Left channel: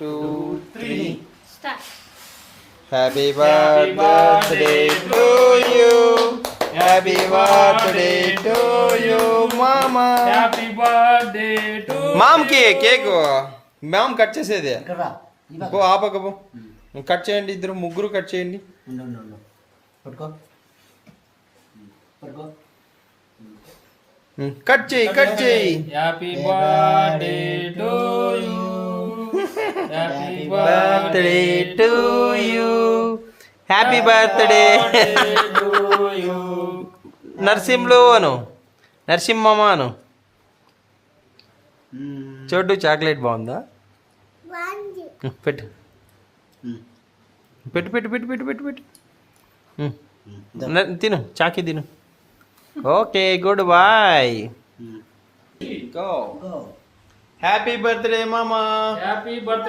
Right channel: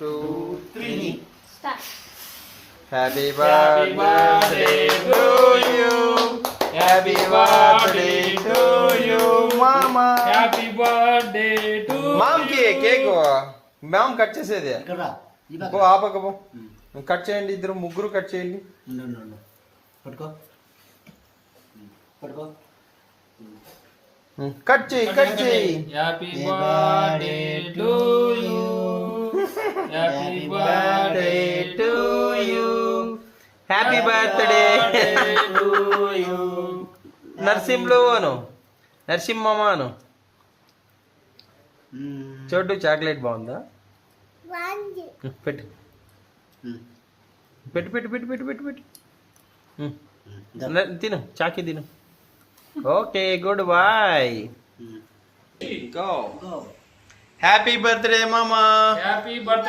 2, 3. Start. Happy birthday to you. Happy birthday to you, Mama. Happy birthday to మామ్కి cake mom cut చేసేది ఇక్కడ రా. ఈ పక్క. పో ఆపకపో కట్ చేయండి, ఇద్దరు ముగ్గురు కట్ చేయండి. ఉండు. పట్టుకో. పట్టుకో. కట్ చేయి happy birthday to you happy birthday to you. Happy birthday to you Narasimhulu అను, నరసింహమ్మ అను. చోటు చాక్లెట్ బాగుందా? పెట్టు పెట్టు పెట్టు పెట్టు పెట్టు పెట్టు పెట్టు తిను, చాకి తిను. Okay, good bye. Go. Go. Happy birthday మామా. Happy birthday